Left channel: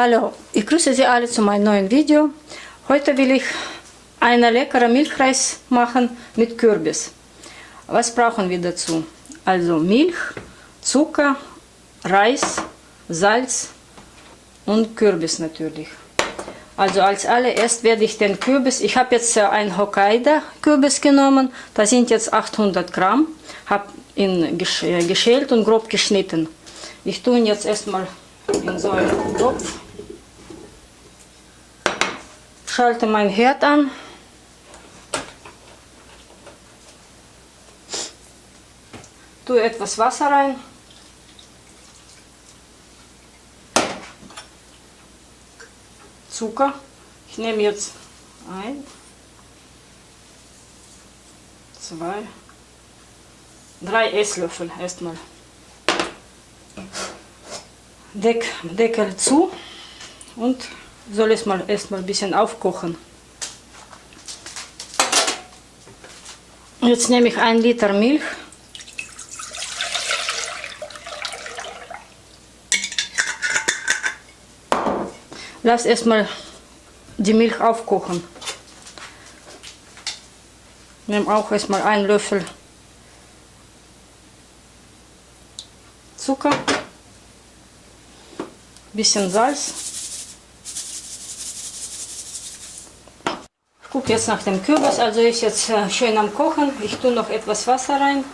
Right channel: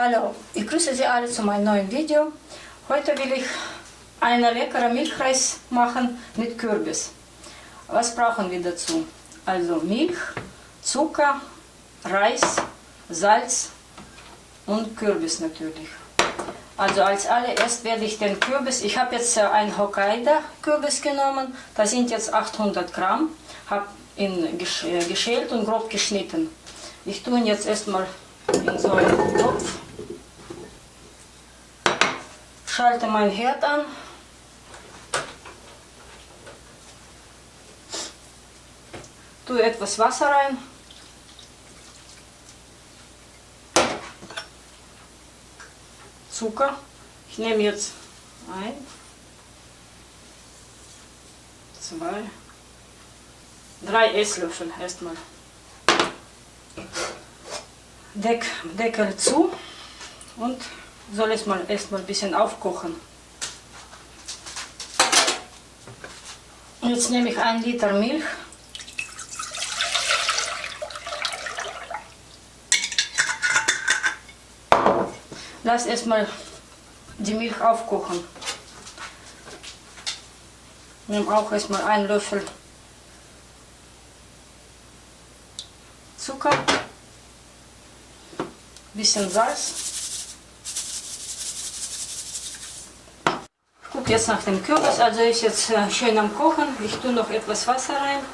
Hallo, ich grüße Sie alle zu meinem neuen Video. Heute will ich einen leckeren Milchreis machen mit Kürbis. Was brauchen wir dazu? Also Milch, Zucker, Reis, Salz und Kürbis natürlich. Also als allererst werde ich den Kürbis, ich habe jetzt einen Hokkaido-Kürbis genommen, da sind jetzt 800 Gramm, habe ihn geschält und grob geschnitten. Ich tue ihn jetzt erstmal in so einen Topf, schalte meinen Herd an, tue etwas Wasser rein, Zucker, ich nehme jetzt 1, 2, 3 Esslöffel erstmal. Deckel zu und soll es mal erstmal ein bisschen aufkochen. Jetzt nehme ich 1 Liter Milch. Lass erstmal die Milch aufkochen. Nehme auch erstmal 1 Löffel Zucker. Bisschen Salz. Ich gucke jetzt nach dem Kürbis, also ist jetzt schön am Kochen. Ich tue noch etwas Wasser rein.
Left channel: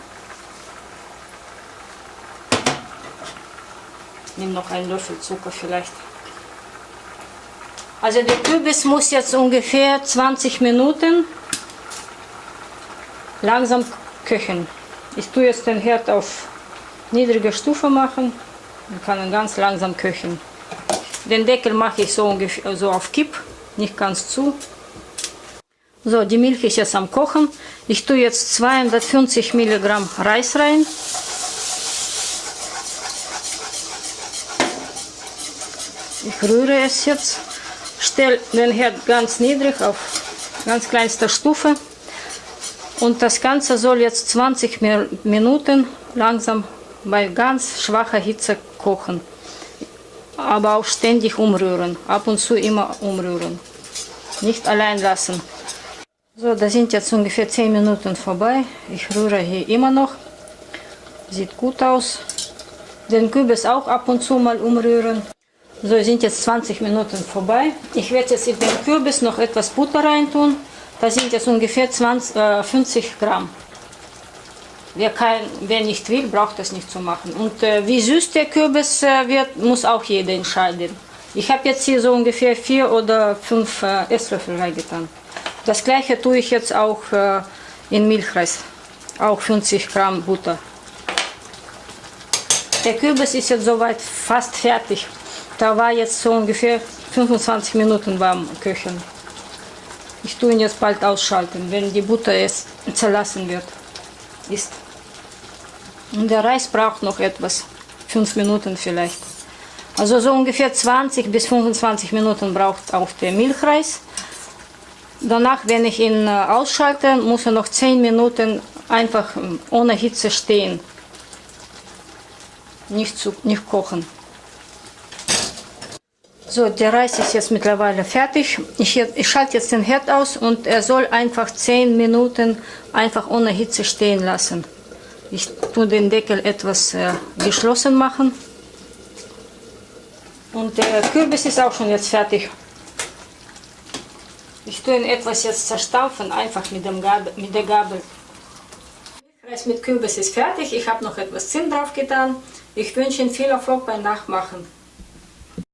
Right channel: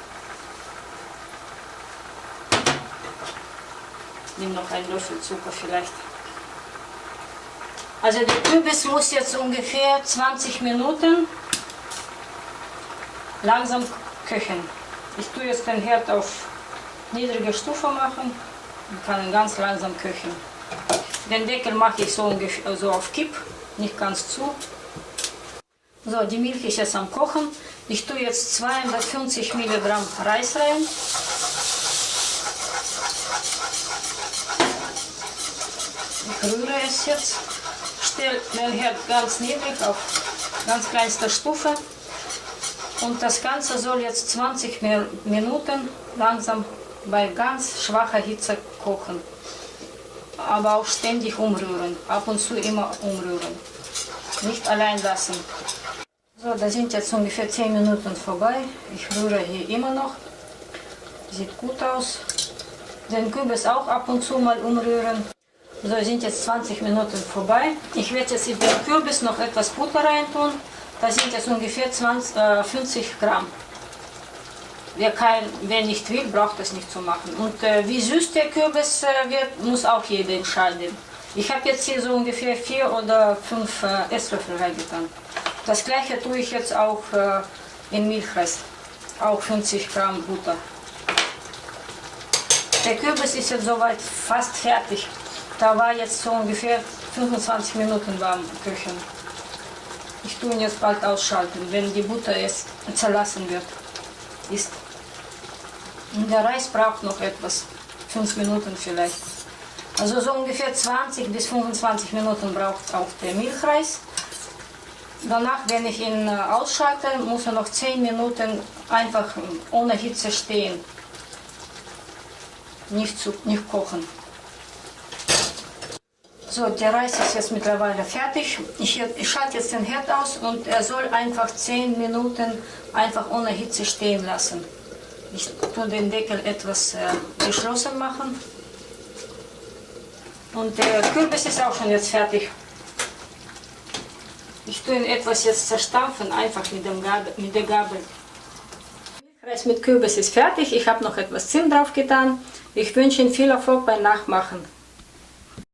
Nehme noch 1 Löffel Zucker vielleicht. Also der Kürbis muss jetzt ungefähr 20 Minuten langsam köcheln. Ich tue jetzt den Herd auf niedrige Stufe machen und kann ihn ganz langsam köcheln. Den Deckel mache ich so ungefähr so auf Kipp, nicht ganz zu. So, die Milch ist jetzt am Kochen. Ich tue jetzt 250 Milligramm Reis rein. Ich rühre es jetzt. Stelle den Herd ganz niedrig auf ganz kleinster Stufe. Und das Ganze soll jetzt 20 Minuten langsam bei ganz schwacher Hitze kochen. Aber auch ständig umrühren. Ab und zu immer umrühren. Nicht allein lassen. So, da sind jetzt ungefähr 10 Minuten vorbei. Ich rühre hier immer noch. Sieht gut aus. Den Kürbis auch ab und zu mal umrühren. So, sind jetzt 20 Minuten vorbei. Ich werde jetzt in den Kürbis noch etwas Butter reintun. Da sind jetzt ungefähr 50 Gramm. Wer nicht will, braucht das nicht zu machen. Und wie süß der Kürbis wird, muss auch jeder entscheiden. Ich habe jetzt hier so ungefähr 4 oder 5 Esslöffel reingetan. Das gleiche tue ich jetzt auch in Milchreis. Auch 50 Gramm Butter. Der Kürbis ist jetzt soweit fast fertig. Da war jetzt so ungefähr 25 Minuten warm köcheln. Ich tue ihn jetzt bald ausschalten, wenn die Butter es zerlassen wird. Und der Reis braucht noch etwas, 5 Minuten vielleicht. Also so ungefähr 20 bis 25 Minuten braucht auch der Milchreis. Danach, wenn ich ihn ausschalte, muss er noch 10 Minuten einfach ohne Hitze stehen. Nicht kochen. So, der Reis ist jetzt mittlerweile fertig. Ich schalte jetzt den Herd aus und er soll einfach 10 Minuten einfach ohne Hitze stehen lassen. Ich tue den Deckel etwas geschlossen machen. Und der Kürbis ist auch schon jetzt fertig. Ich tue ihn etwas jetzt zerstampfen, einfach mit der Gabel. Milchreis mit Kürbis ist fertig. Ich habe noch etwas Zimt drauf getan. Ich wünsche Ihnen viel Erfolg beim Nachmachen.